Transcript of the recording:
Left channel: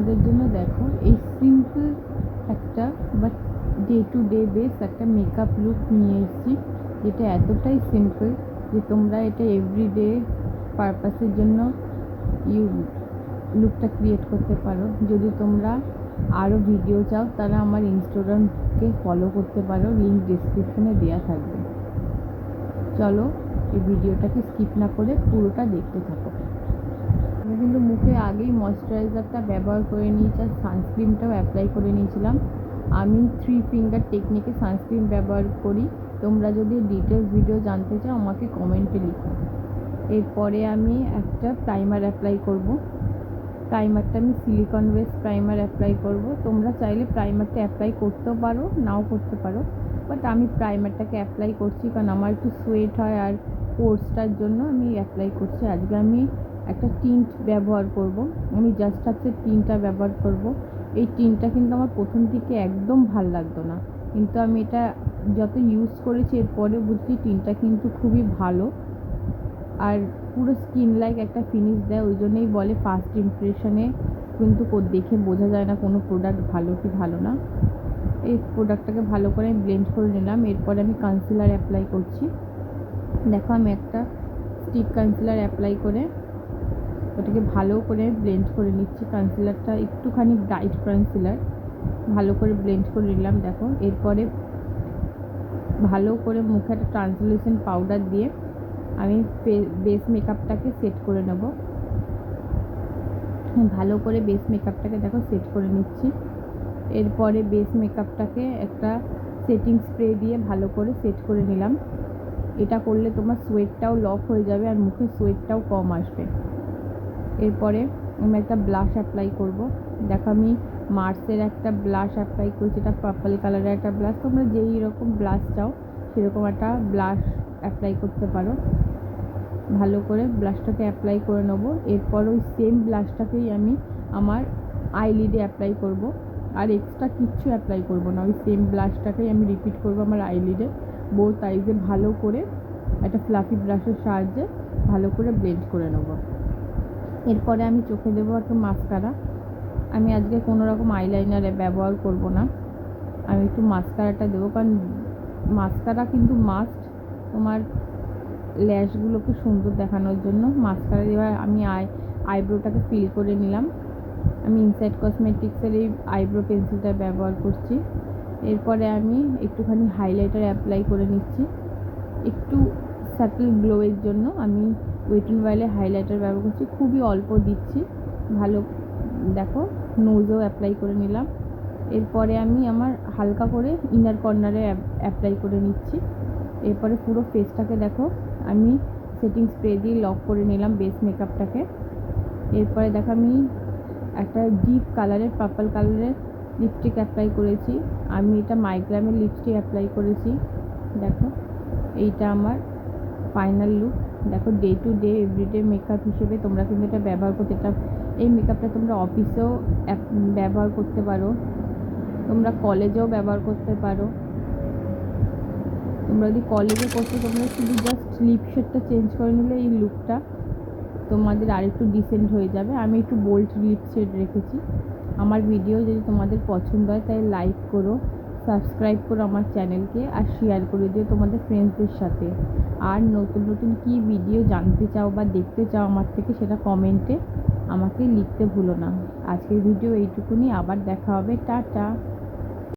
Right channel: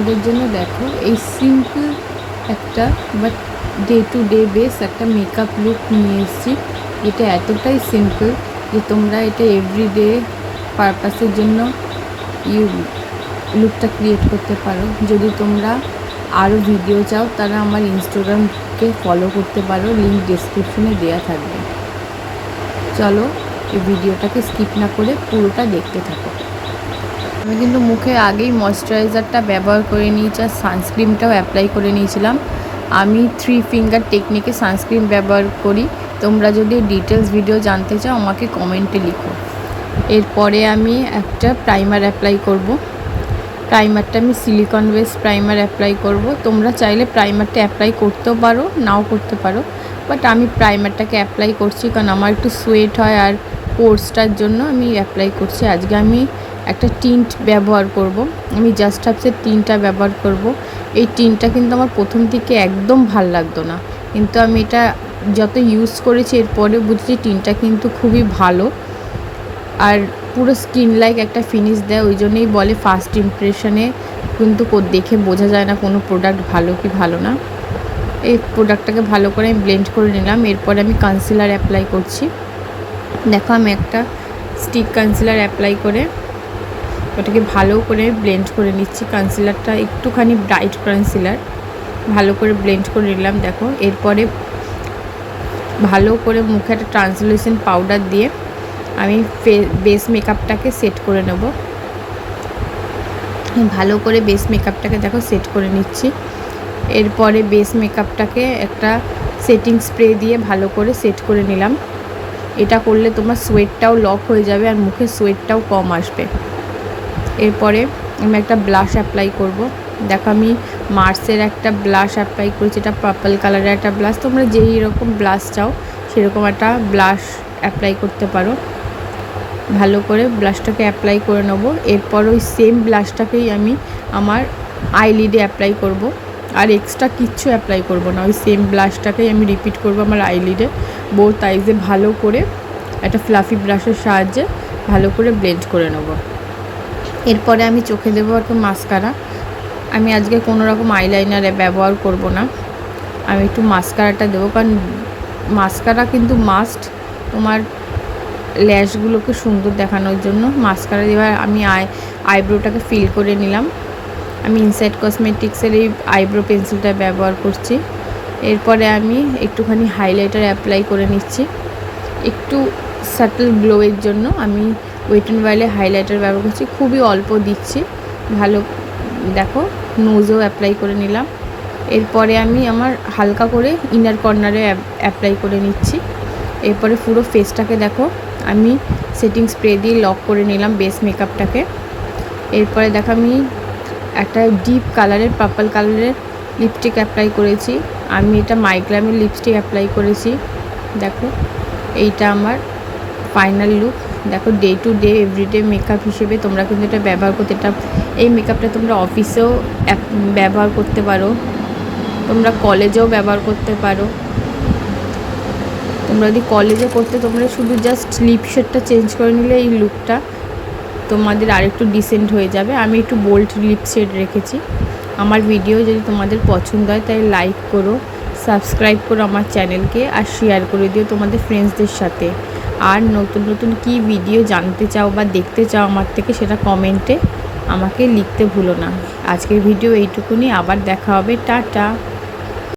তোমাদের জন্য দেখো এই সিম্পল একটা but day to day base একটা মেকআপ লুক নিয়ে এসেছি। এটা এতটাই সিম্পল যে তোমরা এটা এভরিডে পারপাসের জন্য লুকটা ক্রিয়েট করতে পারো। যদি তোমরা আরও ভিডিও চাও তারা আমার ইনস্টাগ্রামকে ফলো করতে পারো, লিঙ্ক ডেসক্রিপশনে দেওয়া থাকবে। চলো এই ভিডিওটাকে স্কিপ না করে পুরোটা দেখতে থাকো। আমি কিন্তু মুখে আগেই ময়শ্চারাইজারটা ব্যবহার করে নিয়েছি আর সানস্ক্রিনটাও অ্যাপ্লাই করে নিয়েছিলাম। আমি 3 ফিঙ্গার টেকনিকে সানস্ক্রিন ব্যবহার করি। তোমরা যদি ডিটেলস ভিডিও জানতে চাও আমাকে কমেন্টে লিখো। এরপরে আমি একটা প্রাইমার অ্যাপ্লাই করব। প্রাইমারটা আমি সিলিকন বেস প্রাইমার অ্যাপ্লাই করব। তোমরা চাইলে প্রাইমারটা অ্যাপ্লাই করতেও পারো, নাও করতে পারো, বাট আমি প্রাইমারটাকে অ্যাপ্লাই করছি কারণ আমার একটু সোয়েট হয় আর পোর্সটার জন্য আমি অ্যাপ্লাই করছি। আজকে আমি একটা টিন্ট ব্যবহার করব। আমি জাস্ট হাবসের টিনটা ব্যবহার করব। এই টিনটা কিন্তু আমার প্রথম থেকে একদম ভাল লাগতো না, কিন্তু আমি এটা যত ইউজ করেছি এরপরে বুঝছি টিনটা কিন্তু খুবই ভালো আর পুরো স্কিন লাইক একটা ফিনিশ দেয়। ওই জন্যই বলে ফার্স্ট ইমপ্রেশনে কিন্তু দেখে বোঝা যায় না কোনো প্রোডাক্ট ভালো কি ভালো না। এই প্রোডাক্টটাকে ভালো করে আমি ব্লেন্ড করে নিলাম। এরপরে আমি কনসিলার অ্যাপ্লাই করছি। দেখো আমি একটা স্টিক কনসিলার অ্যাপ্লাই করে ওটাকে ভালো করে ব্লেন্ড করে নিচ্ছি। কনসিলারটা একটুখানি ব্রাইট কনসিলার ভালো করে ব্লেন্ড করে নিলাম। দেখো এরপরে ভালো করে মুখে একটা ট্রান্সলুসেন্ট পাউডার দিয়ে আমি বেস মেকআপটাকে সেট করে নেব। ভালো করে বেস মেকআপটাকে দেখো সেট করে নিচ্ছি। এরপরে বেস মেকআপটাকে একটা সেটিং স্প্রে দিয়ে ভালো করে সেট করে নিলাম। এটা করলে তোমার সোয়েটটাও লক হয়ে যাবে আর মুখে সোয়েটটাও কম আসবে। এরপরে আমি একটা ব্লাশ অ্যাপ্লাই করব। দেখো আমি মার্সের একটা ব্লাশ অ্যাপ্লাই করেছি, এটা পার্পল কালারের একটা ব্লাশ। তোমরা যেই রকম ব্লাশ চাও সেরকম একটা ব্লাশ অ্যাপ্লাই করতে পারো। ভালো করে ব্লাশটাকে অ্যাপ্লাই করে নেব। এরপর ওই সেম ব্লাশটাকেই আমি আমার আইলিডে অ্যাপ্লাই করব, আর এক্সট্রা কিচ্ছু অ্যাপ্লাই করব না। ওই সেম ব্লাশটাকেই আমি রিপিট করব আমার আইলিডে। বোথ আইজে ভালো করে একটা ফ্লাফি ব্রাশের সাহায্যে ভালো করে ব্লেন্ড করে নেব। এরপরে আমি চোখে দেবো একটা মাস্কারা। আমি আজকে কোনো রকম আইলাইনার ব্যবহার করব না, আমি একটু মাস্কারাটা দেবো, কারণ মাস্কারা কিন্তু মাস্ট তোমার ল্যাশগুলোকে সুন্দর দেখানোর জন্য মাস্কারা দেওয়ার। আমি আইব্রোটাকে ফিল করে নিলাম। আমি ইনসাইড কসমেটিক্সের এই আইব্রো পেন্সিলটা ব্যবহার করছি। এরপরে আমি একটুখানি হাইলাইটার অ্যাপ্লাই করে নিচ্ছি একটু সাটল গ্লোয়ের জন্য। আমি ওয়েট অ্যান্ড ওয়াইল্ডে হাইলাইটার ব্যবহার করছি, খুবই অল্প দিচ্ছি। ভালো দেখো নোজও অ্যাপ্লাই করে নিলাম। এরপরে আমি আমার হালকা করে ইনার কর্নারে অ্যাপ্লাই করে নিচ্ছি। এরপরে পুরো ফেসটাকে দেখো আমি সেটিং স্প্রে দিয়ে লক করে নিলাম বেস মেকআপটাকে। এরপরে দেখো আমি একটা ডিপ কালারের পার্পল কালারের লিপস্টিক অ্যাপ্লাই করেছি। আমি এটা মাইগ্রামের লিপস্টিক অ্যাপ্লাই করেছি। দেখো এইটা আমার ফাইনাল লুক। দেখো day to day everyday makeup হিসেবে তোমরা কিন্তু এটা ব্যবহার করতে, এই মেকআপটা তোমরা অফিসেও ব্যবহার করতে পারো, তোমরা কলেজেও ব্যবহার করতে পারো। তোমরা যদি কলেজে করতে তোমরা শুধু জাস্ট লিপ শেডটা চেঞ্জ করে নিলে এই লুকটা তোমাদের আরেকটু ডিসেন্ট হয়ে যাবে। আমি একটু বোল্ড লিপ শেড রেখেছি। আমার ভিডিও যদি তোমাদের পছন্দ হয় তাই লাইক করো, সাবস্ক্রাইব করো আমার চ্যানেলকে, আর শেয়ার করে দিও তোমাদের ফ্রেন্ডসদের সাথে। আর নতুন নতুন কী ভিডিও জানতে চাও বা দেখতে চাও আমার থেকে সেটা কমেন্টে আমাকে লিখতে ভুলো না। আজকের ভিডিও এইটুকুনি, আবার দেখা হবে, টাটা।